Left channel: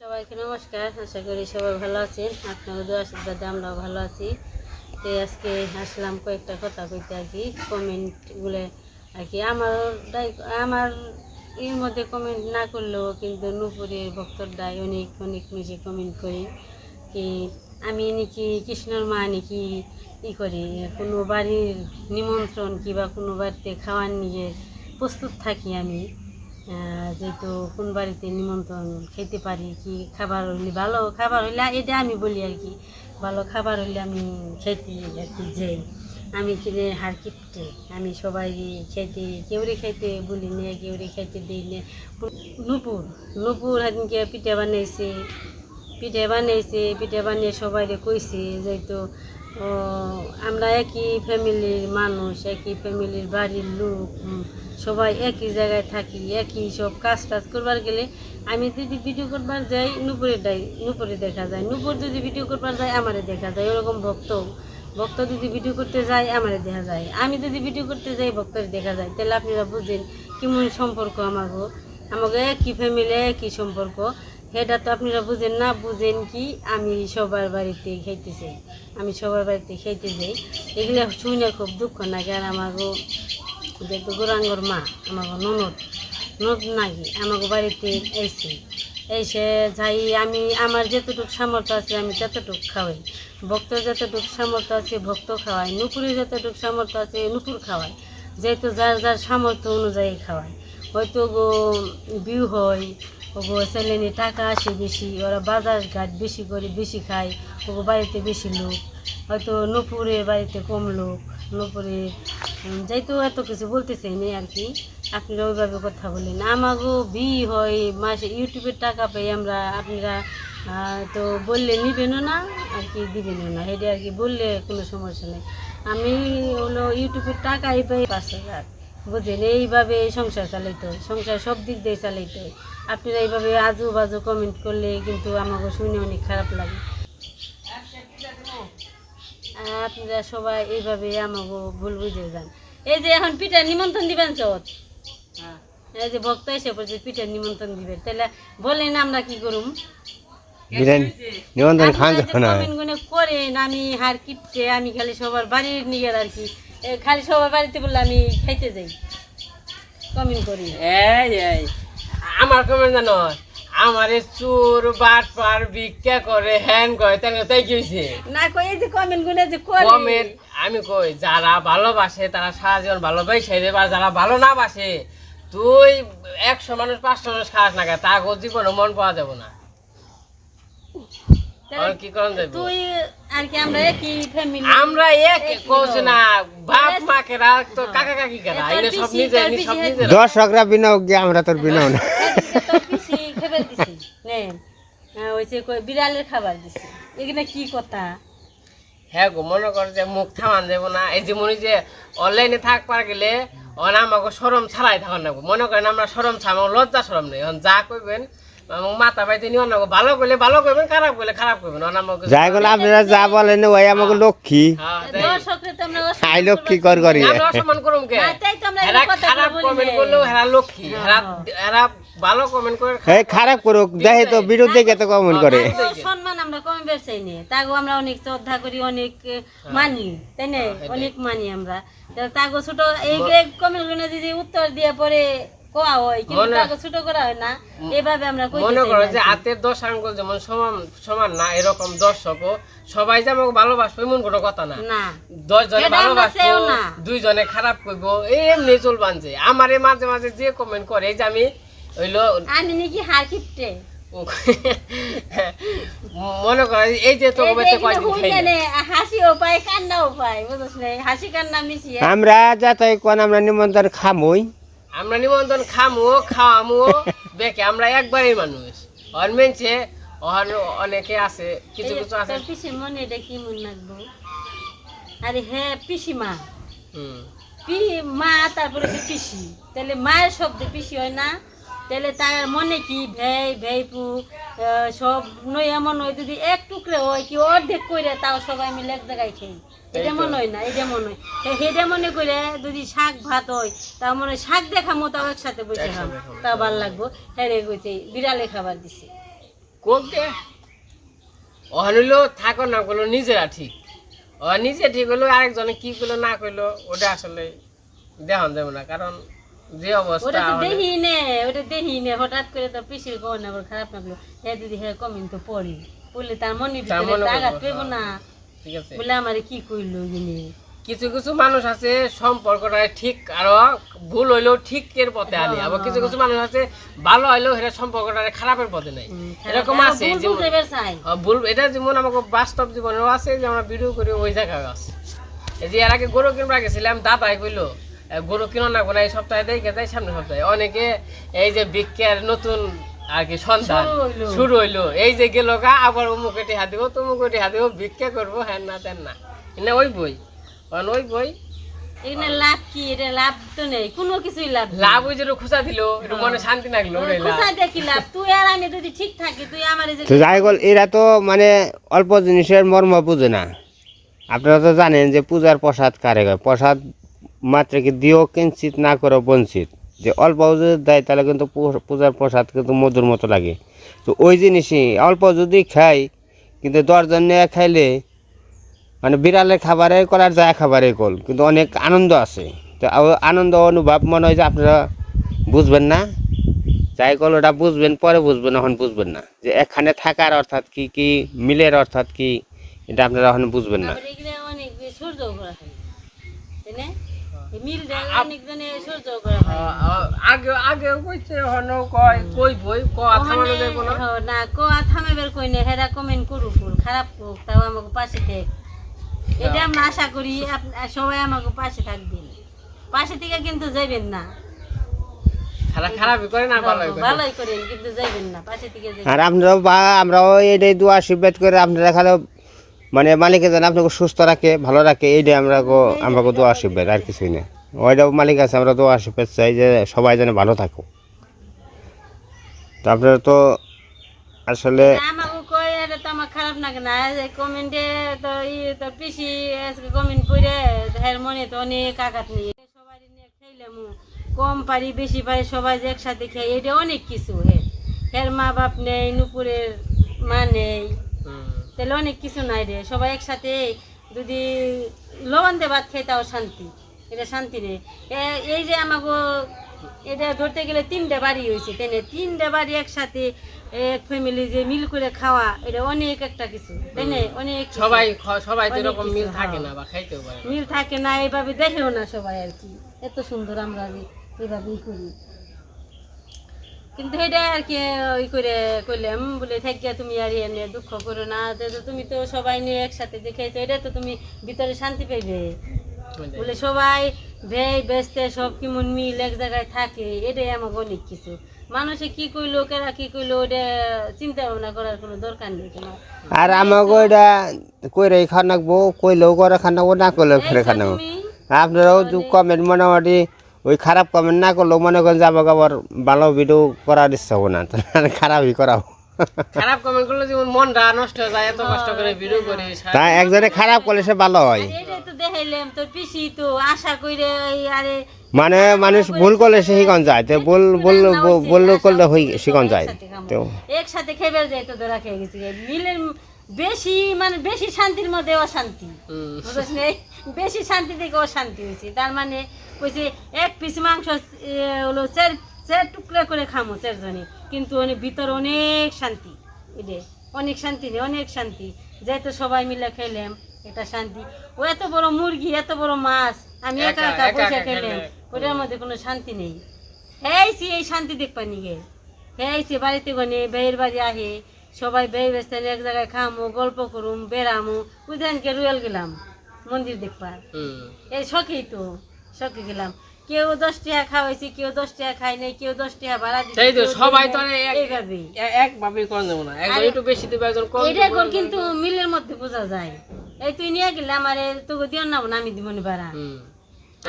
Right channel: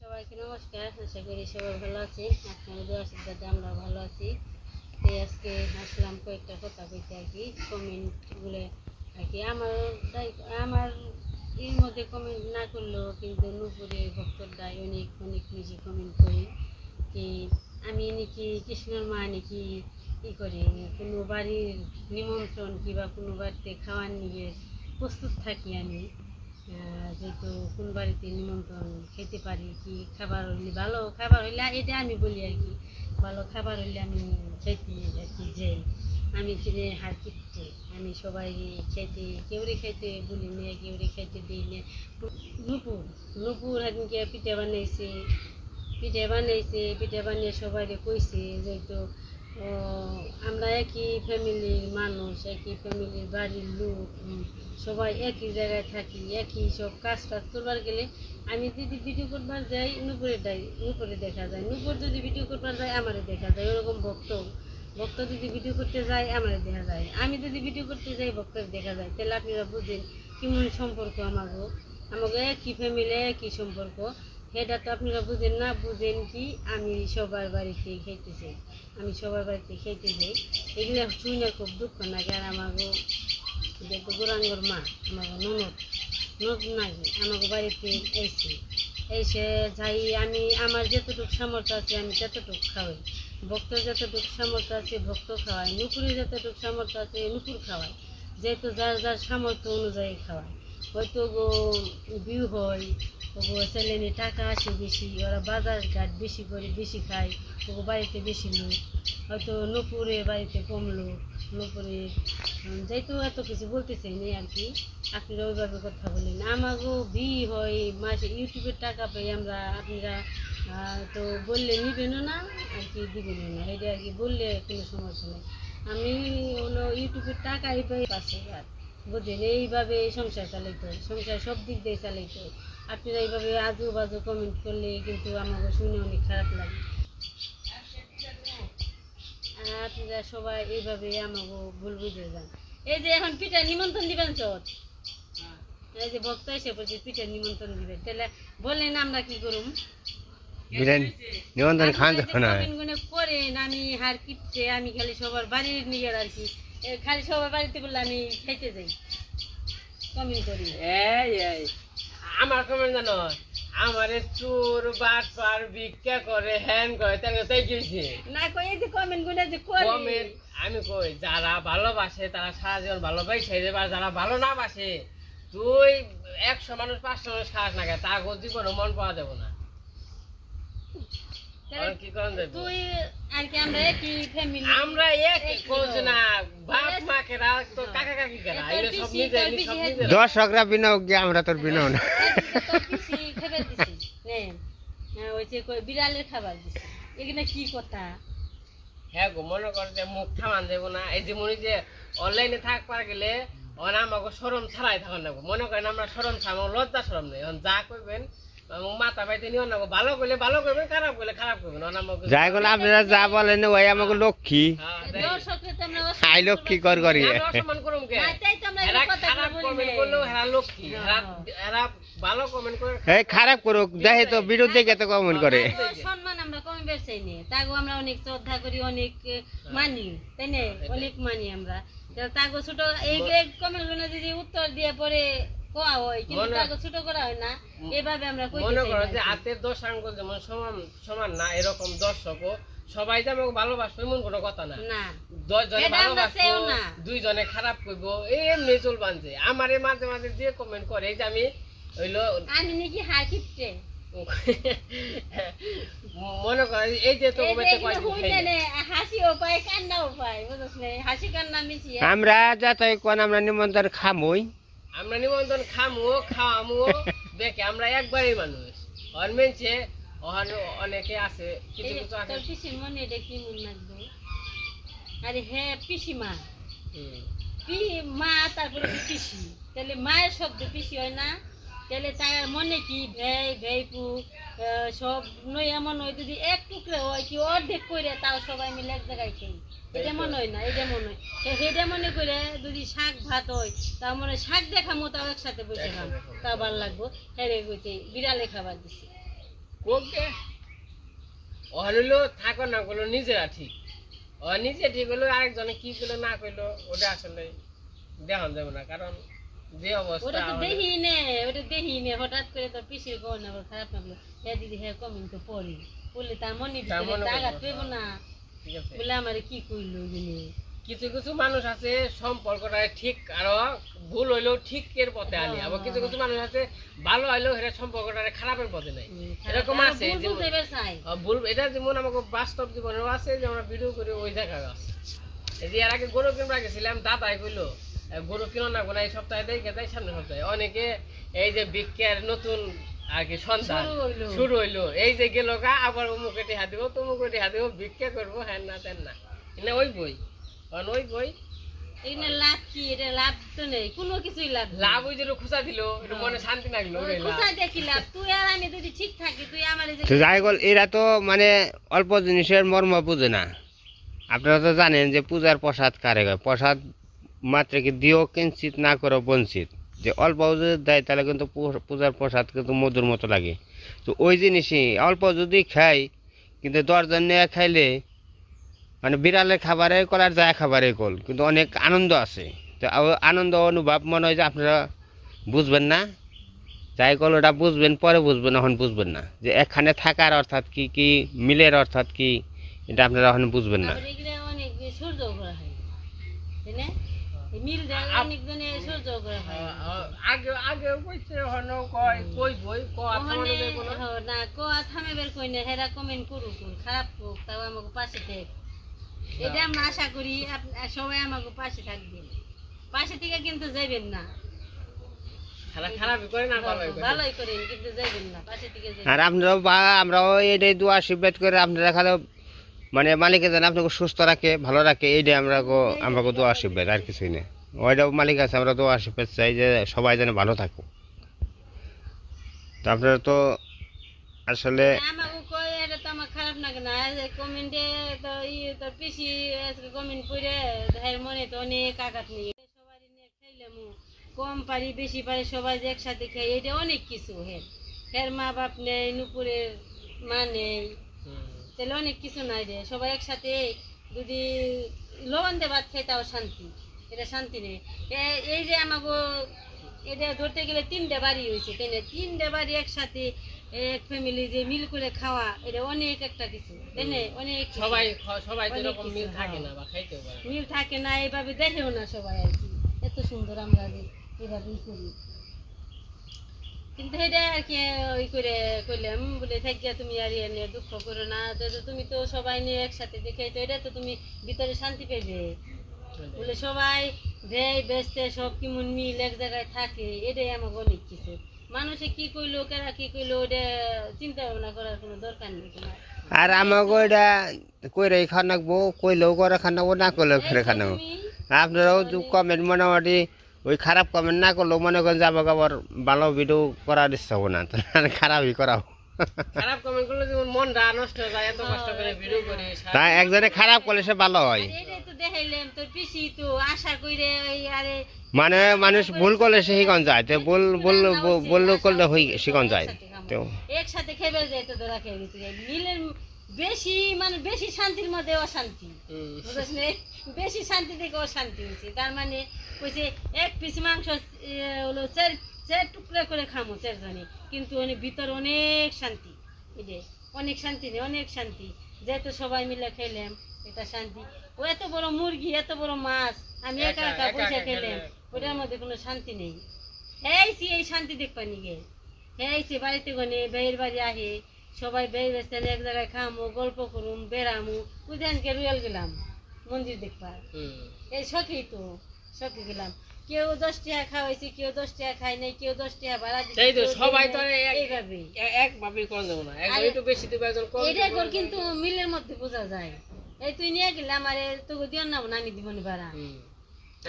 সবাইকে নমস্কার, আশা করি সবাই ভালো আছেন। আপনার দোয়া আশীর্বাদে আমরাও ভালো আছি। তো আজকে আসলাম কয়েকটা কথা কইতে আর কি কমেন্টগুলো আর কি। আমার আমার এর মধ্যে কমেন্ট না করলেও কিন্তু নুপুরের ভক্তরদাই অনেক অনেক বেশি কমেন্ট করি কি, আমি নাকি কৃষ্ণর মা নাকি ই করি, কোনো বাড়ির নিমন্ত্রণ কিংবা কোনো বাড়িতে খাওয়ার নিয়ে প্রস্তুত থাকি আমি। যেহেতু কোন বাড়িতে নিমন্ত্রণ খেতে পারি কি খাবার হইলে ভালো খাবার হইলে, এটা আমি বলি আর কি, ভালো খাবার হইলে আমি খেতে আর কি যাই। আমি কিনে হার কিপটে, আমি সবাই খেতে, কেউরে খাইতে বলি নে, কেউরে খাইতে দিই নে। নুপুর নুপুর হাদিনকে পিঠে বানাইছে পিঠে বানাইছে, পিঠে বানিয়ে সবাই কইছে, যেহেতু আমরা একই ফ্যামিলির মানুষ, একই ফ্যামিলির বাড়ির লোক সবাই একই জায়গায় থাকি, একই সব কাজ টাজ করবার গেলে আমি যদি ভিডিও করবার যাই নুপুরে যাই নুপুরে দেখা যায়। নুপুর যদি ভিডিও করবার যায়, আমারে দেখা যায়। ওরকম ভক্ত। ভক্ত যদি ভিডিও করতে যায়, আমারে দেখা যায়। আমি যদি ভিডিও করতে যাই, ভক্তের দেখা যায়। তাহলে আপনারা বুঝেন কেমন সম্পর্ক আমাকে আমাকে একই ফ্যামিলি একই সম্পর্ক। সেটা তো আপনারা বুঝেন না, বুঝেন কি আমি সবার বাড়িতে খাইতে চাই। আমি সবার বাড়িতে খাইতে যাই। এগুলো শুনে খুব দুঃখ লাগে আর আমাকে যেহেতু গোরাঙ্গর মা আমাকে ননদ। ননদ নাকি আমাকে বাড়িতে এসে এসে যাই, আমি, আমার যতটুকু সামর্থ্য আছে, আমি ততটুকু খাওয়াই। ভক্ত যতটুকু সামর্থ্য আছে, ভক্ত খাওয়াই। নুপুরে যতটুকু সামর্থ্য আছে, নুপুর খাওয়াই। যেহেতু যার যার সামর্থ্য অনুযায়ী খাওয়াই। হয়তো গো বিউ হয়, ওগো ছেলেনি টাকা আসে বেশি, ওরা বাজার ঘাট বেশি করে বেশি খায়, ওগো বাড়িতে বেশি লোক। হয়তো নুপুরে বাড়িতে কম লোক নুপুরে যেহেতু এত কিছু বলতেছে নেই আর কি। আপনারা ওইভাবে কথা বলেন। আমাগো বি হয় মাসে ইউটিউবের টাকা পাই আমরা আপনারা তো বললে নিবেনও না, আর কি দিবেনও না। এটা আর কি বললে কোনো সমস্যা নেই। আমি হলো ইউটিউবের টাকাই পাই পাঁচ হাজার। বুঝলেন এইভাবে সংসার চালাইতে হয়। সংসার সব দিক দিয়ে চালাইতে হয়। আপনারা এইভাবে আজু বাজু কমেন্ট করলে কিন্তু আমাকে শুনে অনেক খারাপ লাগে। আপনারা সবাই এইভাবে আমাকে ভুল বুঝে যান। এই যে এখন পিঠা নিমন্ত্রণ দিবেন চত এই যে ভক্ত এসে পড়ছে পিঠার নিমন্ত্রণ দিবেন। তাহলে বলেন আমরা কি করুম? বিরিয়ানি নিমন্ত্রণ খান যখন কমেন্টগুলো করেন আমি হার কিপটে আমি খালি সবার বাড়ির নিয়ে আর কি। এ, খালি সবার বাড়িতে বললে আমি খাইতে যাই। কমেন্ট করি। এই এই। আমার কমেন্ট জানো? আমার চোর বাট পার ভিক্ষা করে হ্যান করে তাই তাই কি না কই এই যে কমেন্টগুলো যে করে কমেন্ট আমি কই যারা ভালোবাসে তারা সারা জীবন ভালোবাসে দেবে আর যারা ভালো না বাসে তুই একশো মানুষ পাঁচশো মানুষ খাস না কেন? তার জীবনে মন পাওয়া যাবে না। কি করন যাবে তুই আর কি আমরা একই ফ্যামিলি আমরা এক কইছি না বাপ মাকে রাখ তো কাকা কাকি কেনা? তোর এগুলো সব নিজে তোর সব নিজে দর্শকরা বিনাও গিয়ে আমরা তোর বিনাও না খাবার দিছি নেন হ্যাঁ, ওই যে কই বিড়ালের খাবার দিছি। এখানে কি কথা? হ্যাঁ গো মনে কর যে মুখ থামান দেবো না। এই যে মনে যে অনলাইনে থাকবার গেলে অন আমাকে সরম ছাড়াই থাকুন না মনে করেন আমরা সরম ছাড়া লজ্জা সরম নেই। এখন যা করবেন মাথা পাইতে নিয়ে অন্য ভালো করলে ভালো করবেন খারাপ করলে খারাপ করবেন অন আমাকে যাই আপনারা যা বলেন ওই আমাকে লক্ষ্মী। হ্যাঁ, আমরা অসম্মান আই লক্ষ্মী কর করি। আমরা অসম্মান করুম কে? না, তাই তো আমরা এই এরা কথাগুলো খারাপ। লক্ষ্মী। এরা এরা ভালো কমেন্ট করে এই খারাপ করুক দেখে তো দেখে তো কমেন্ট করে। সম্মান আমরা কম বেরছাই নে তাগো আমরা অনেক শ্রদ্ধা করি অনেক মানি তাই না? অনেক মানি আমরা। তাগো ছোট এই কমেন্টগুলো যদি উত্তর দিয়ে পরে কোয়া হয় কিন্তু তাগো ছোট করা হয় না। এভাবে আমরা কইতে মনে করো যে হাতের দশ আঙ্গুল যেমন সমান সমান না এরকম দর্শকও সবাই যে আমাকে ভালোবাসবে এমন কোনো কথা না। না। দশ জনে ভালোবাসবো না। দুইজনে খারাপ করব এই এমনি চলবান যে। আমার মাঝে মাঝে যে কমেন্ট করে এই যে আমি হইল আমি নাকি হার কিপটে মনে করে এই যে তো এই যে এগুলো কয়দিন হইলে খাই না। নে, হাসিও পায় কান্নাও পায় বুঝছ না? হাসি কান্না মিশিয়ে। আমরা যাতে কোন আমরা নিমন্ত্রণ খামই। আমরা নিমন্ত্রণ খামো খাওয়ামো বেকে আমরা একবারই মানুষ। অন মেনছে অন অনেকে আছে কিছু কিছু আছে। তোর পিসির মনে কি মন রাখব? আরে হ্যাঁ পিসিমা হুম। পি মা তারপরে পিসি। তাহলে মায়ের শব্দ পিসি হয় না? তাহলে তার মনে কি? ভেই ভেইপু সব নই এমন হয় যদি এক টুকরে হয় কি অর্ধেক করে তাও সবাই মিলে এক জায়গায় খাই এটা মনে হয় না এটা মনে হয়। হেটা মনে করে যদি শাক ভাত হয় তা মনে হয় শাক দেখামো তাও একসাথে বসে খাম। তা ভালো লাগবো। হ্যাঁ কইছে বিড়ালে খাবার দিছে। কোক দে অহনিলো থাকো না করল নিজেরা ঠিক। ও নিজে ঠিক হলো আরেকজনে কি করল না করল ওটা আসলে দেখান যাবে না কারণ যে অবস্থা ওটা তো দেখি নে ওটা দেখি নে হঠাৎ করে তো পিসির গহন আমার খারাপ লাগল। হ্যাঁ দিদি হ্যাঁ কমেন্ট তো পড়ি। বললে তার মনে ভিতরে আঘাত পেবো না। ঠিক আছে। বলে আমারে কি করল গিনি কিছু কিছু মানুষ আছে সম্পর্কটা ঠিক আরও ভুল হইলেও ঠিকের পথে আনি আবার কিছু কিছু মানুষ আছে ভালো হইলেও সেটা সম্পর্কটা খারাপের পথে নেই এরকম আছে ভুল এটা যেমন আমাকে বাস্তব জীবনেও আছে যে আমরা ভিডিও করি ওই জায়গায় আছে। এই যে এর আগে গরু কিনবা গেছিলাম দাদাই কইলো গরু কিনো না কোনো এই সপ্তাহে দেখে যায় সামনে সপ্তাহে। অনেকে এই যে বিজ্ঞার নতুন আর কি সন্তান শুরু হইল। এই যে গেল গা আবার অমুকে টিহা দিব তমুকে টিহা দিব ভিক্ষা করব হ্যান না তেন না। না ওই বই কারণ ওই বই। এখানে লাভ কি? এটা লাভ তো নেই কোনো কিছুই লাভ লাভ ওই যে খোঁচা দিল একটু মনে শান্তি লাগল লাভ। তুই আর আমি যদি ঠিক থাকি তুই আমার তো যাই বল এরা তো মানে অল্প জিনিসের মর্ম বুঝে না। আপনারা তো জানেন যে পূজার প্রসাদ কারে হয় প্রসাদ মাত্র কি দিও কিঞ্চিত না করো বঞ্চিত। যে অল্প যদি দেয়, তাহলে কিন্তু পূজার প্রসাদ কিন্তু মধুর মতো লাগে। তো ওই জিনিসই, অল্প যদি খাই, কিন্তু দশজন নিয়ে খাইলে মানে বিড়ালের খাবারে কল আর যায় খাবারে কল, কিন্তু অনেক আনন্দ আছে। তো আনন্দ অনুভব মনে হয় যে আপনারা বুঝবেন না। যাই কল ওটা বুঝবেন, পরে বুঝবেন, এখন বুঝবেন না। যে এখানে থাকার অর্থাৎ কি কি মিলের অর্থাৎ কি, এটা আপনারা এখন বুঝবেন না? আগে আগে কইছে হন কয় কই বই ক কোনো? না বের কই না হেরা কমেন্ট করুক খারাপ করুক তাও আমাকে পাশে এটা আমরা আশা করি সবাই আমাকে পাশে থাকবেন। পাশে থেকে কিন্তু যাইবেন না। খারাপ করে না ভালোই করে? ভালোই করেন কিন্তু যাইবেন না পাশে থেকে আর আপনারাও আমরাও এটাই দু আশীর্বাদ করে আপনারা খালি মানে মালিকে যেন আপনাকে সুস্থ রাখে ভালো রাখে এইটাই আমরা আমরা দু আশীর্বাদ আর কিছুই না ওইটাও মালিক আছে আমরা দু আশীর্বাদ চাই যে সবাই যেন ভালো থাকুক। তো আপনারা তো আসলে আমাকে তো আমার খারাপ লাগে না কমেন্টে তো ই তো পিসি আজকে কমেন্ট করে হের মনে তো অনেক আঘাত নেই সবাই নিয়ে কম পারি বেশি পারি সবাই যে একসাথে খাই এটা অনেক কিছু হের হের মা বাপ নেই নুপুরের মা নেই। তাহলে অনেক কিছু নাই রে। সবাই একসাথে যদি লবণ দিয়ে ভাত খাই তাও শান্তি। এটা শান্তি নেই এই যে আমাকে এটা ধরতে গেলে তিনটে বাড়ি হয়েছে তাই না? তিনটে বাড়ি একসাথে এক ফ্যামিলি যে মিল করে খাওয়া এটা অনেক একটা কিছু তাই না? অনেক সবাই সবাই তো এরকম মিল থাকে হ্যাঁ। না বা খাইতেও পারে মিল থাকে না এইভাবে দেখেও না সবাই আর কি। এত সুন্দর আমরা এইভাবেই করি। কিন্তু এটা আর কি ওই করে কইলাম বলে থাকিয়া তুমি আর ইয়ে নিয়ে দুঃখ করো না তো তো তুমি তো সবাই নিয়ে একসাথে দেখাইছো এটা তো তুমি ভিতরে শান্তি পাইবে। বলে সবাই ব্যয় ব্যস্তে সব কেমন মিল এক জায়গায় থাকে এটাই আমাকে অনেক কিছু। মানুষে কি কইলো কেরা কি কইলো ওটা চিন্তা ভাবনা করার কোনো দরকার নেই তোমার। আর আমাকে ওইটা কইরে খানাকবো কইলেও করে খানাবো না করলেও করে তুমি আপনারাও যে কমেন্ট মোটামুটি ওই খারাপ কমেন্ট না করলেও মনে করেন যে আমাকে আবার ভালো ভিডিও করার ইচ্ছা হব না। খারাপই করাবো। খারাপ কমেন্ট করলে মনটা নষ্ট হয়ে যায় এত কষ্ট করে ভিডিও করি তা একজনে খারাপ করলে সে ভালো হয়। আর তো পিসি তো আশা কইরে এই আরে মানে মানুষ ভুল করলে সে শিখন যায় তো ভুল করলে হই শিখন যায় তো। একসাথে খেবে যাই তো ধরা খেয়ে গেছি মিলের বেশি মানে বেশি শান্তির মধ্যে অশান্তি। বেশি শান্তি থেকে অশান্তি হয়েছে তার মানে কইছে এক পিস মাংস হলো চার চার টুকরা করে খামো চারজনে। কিন্তু অনেক ভিতর অনেক শান্তি। এটাই অনেক শান্তি নেই অনেক শান্তি। যেহেতু সবাই মিলে খেলাম এটা শান্তি। ও এত বড় মুরগি এত বড় মাছ আমি একা একা- বসে খেলাম। ওটার মধ্যে কোনো শান্তি নেই। এইছি এই শান্তি দেখবা নিগে এইছি বাড়িতে গনে বেয়ের বাড়ি আহে সবাই বেয়ে ব্যস্ত এক জায়গায় খামো গল্প করুম বেড়ামো। উদাহরণকে রুয়াল গেলাম মন্দির দেখবার। এই শখেই তো। শখে গেলাম। কেউ দশ টাকা খাওয়াইছে কেউ দশ টাকা খায় নাই কেউ দশ টাকা ভাড়া দিচ্ছে সেই তো সবাই তো নাই, আর এক- এইভাবেই। এ- একভাবেই করা যাবে না। একজন একটু বেশি দিবে একজন কম দিবে। কর কিন্তু মিলের মধ্যে বোঝা যায়। এই তুই নিয়ে গেলে আমার তোকে দিও না আমি দিব না ভাড়া।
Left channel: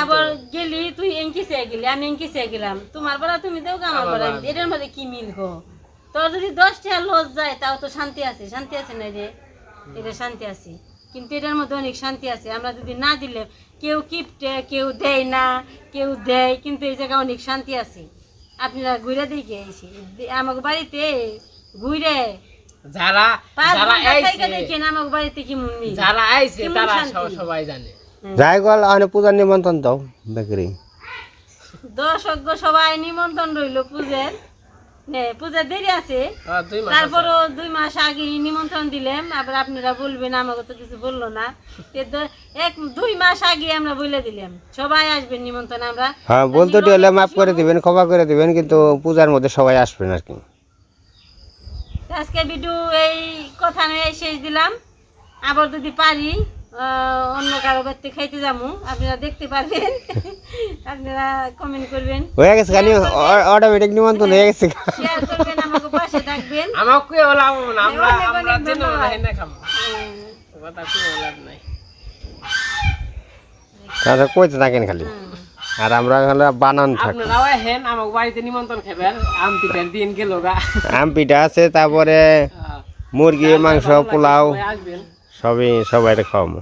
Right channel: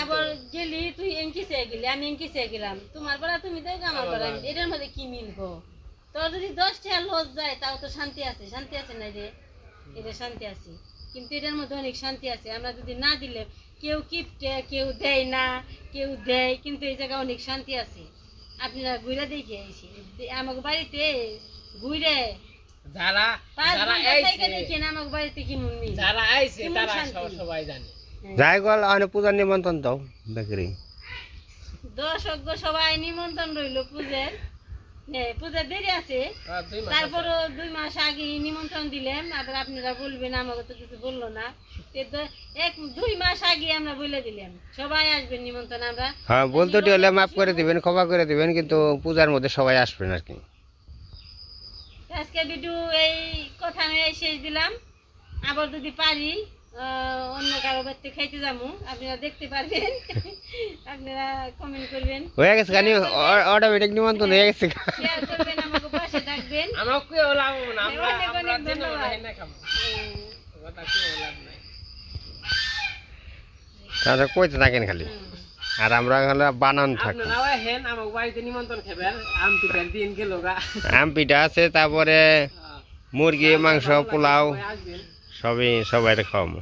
আবার গেলি তুই এঙ্কি সে গেলি আমি এঙ্কি সে গেলাম। তোমার বেলা তুমি দেও আমার আমি এটার মধ্যে কি মিল গো? তোর যদি দশ টাকা লস যায় তাও তো শান্তি আছে। শান্তি আছে না রে? এটা শান্তি আছে। কিন্তু এটার মধ্যে অনেক শান্তি আছে। আমরা যদি না দিলে কেউ কিপটে কেউ দেয় না কেউ দেয় কিন্তু এই জায়গায় অনেক শান্তি আছে। আপনারা ঘুরে দেখে এসে আমাকে বাড়িতে ঘুরে। যারা যারা দেখেন আমার বাড়িতে কি মন যারা আইছে তারা সবাই জানে। যাই গল অনেক পূজার নিমন্ত্রণ দাও বেকরি। দর্শক সবাই নিমন্ত্রণ রইল পূজের। নে, পূজার দেরি আছে। দুই মাস তারপরও দুই মাস আগে নিমন্ত্রণ দিলাম আবার আপনারা বলবেন আমাকে তো কিছু বলল না। এক দুই মাস আগে আমরা বলে দিলাম। সবাই আসবেন নিমন্ত্রণ আমরা। হ্যাঁ বলতে হলে মাফ করে দিবেন ক্ষমা করে দিবেন কিন্তু পূজার মধ্যে সবাই আসবেন আর কি। আজকে ভিডিও এই কথা নিয়ে শেষ দিলাম। আবার যদি পারি অন্য কারও বাড়িতে খাইতে যাব আপনারা দেখতে পারবেন। আপনারা কমেন্ট করবেন। হয়ে গেছে খানি অটোমেটিক নিমন্ত্রণ হয়ে গেছে শেয়ার করবেন আমাকে পাশে থাকবেন। আমার কেউ লাভ না আমরা আমরা অনেক না খাব। কথা কেউ লাভ নাই। তাহলে কইতে থাকেন খালি। আর আমরা হলো বানান থাকব। আপনারাও হেন আমার বাড়িতে নিমন্ত্রণ খাবেন আম পিঠার দিন গেল গা। আম পিঠা আছে তারপরে মুরগি মাংস পোলাও। সবাই আসবেন সবই সবাই খাওয়াবো।